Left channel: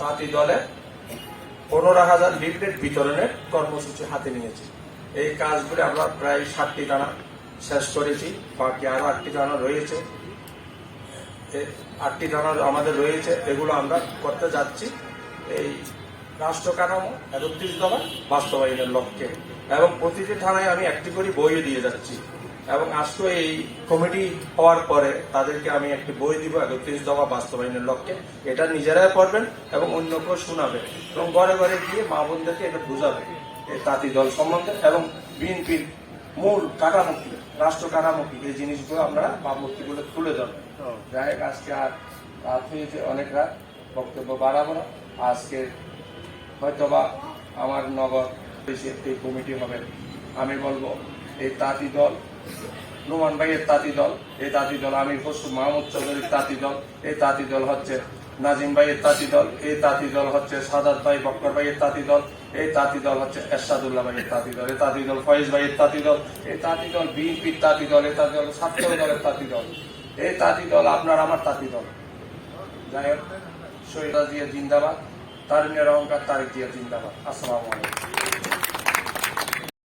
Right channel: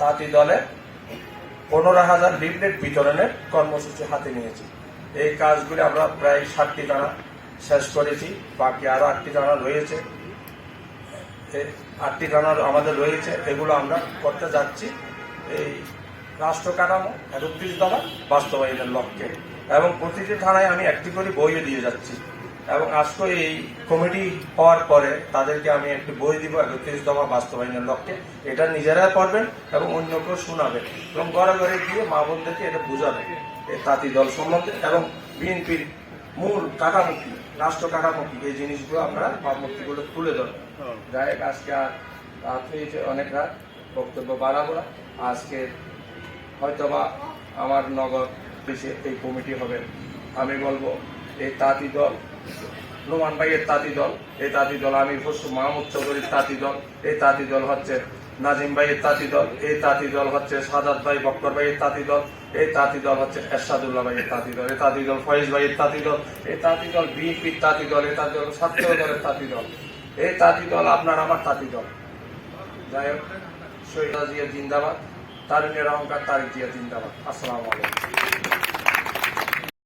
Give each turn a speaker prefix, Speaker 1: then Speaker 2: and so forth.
Speaker 1: তাঁতি দলে পনেরো হাজার লিফলেট বিতরণের কর্মসূচি হাতে নিয়েছি। এই কাজগুলি আমরা প্রায় ষাটটি দানা শেষ করেছি। বাকি আরও আটটি দানা রয়েছে। আটটি দানা আমাদের রয়েছে, এগুলো আমরা করতে যাচ্ছি। এই রাষ্ট্র কাঠামো একত্রিশ বাস্তবায়নের লক্ষ্যে। এবং প্রতিটি থানায় আমি একটি করে বইও দিয়ে যাচ্ছি। এবং আজকে এই কমিটি হওয়ার পরে তাদেরকে আমি একটি বই দিব, একত্রিশ দফা বাস্তবায়নের লক্ষ্যে এটা নিজেরা পড়বেন এবং অন্যকেও শোনাবেন এবং ঘরে ঘরে গিয়ে মা বোনদেরকে এটা বুঝাবে এই তাঁতি দল সম্বন্ধে এবং বিএনপির মূল কাঠামুখী রাষ্ট্র কাঠামুখী এই জিনিসগুলো আমরা ভাবমূর্তিগুলো তুলে ধরবো যাই হোক, আজকে আর রাত হয়েছে অনেক রাত, বক্তব্য বাড়াবো। আজকে হয়তোবা আমার নগর এই কমিটি হবে, আমি বলব এই তাঁতি দল রুমান ভাইয়ের তাঁতি দল এই তাঁতি দল আমি পশু মাহমুদ চৌধুরীর তাঁতি দল এই তাঁতি দল হচ্ছে নাজিম ভাইয়ের তাঁতি দল এই তাঁতি দল হচ্ছে সাদাত ভাই বক্কর ভাইয়ের তাঁতি দল এই তাঁতি দল হচ্ছে এরশাদুল্লাহ ভাইয়ের তাঁতি দল এই তাঁতি দল ফয়েজ ভাইয়ের তাঁতি দল এই তাঁতি দল বিএনপির তাঁতি দল এই তাঁতি দল ছাত্র দলের তাঁতি দল এই তাঁতি দল আপনার আমার তাঁতি দল যাই হোক শহীদ জিন্দাবাদ তারিকের অহংকার তারিক জিয়া জিন্দাবাদ আসসালামু আলাইকুম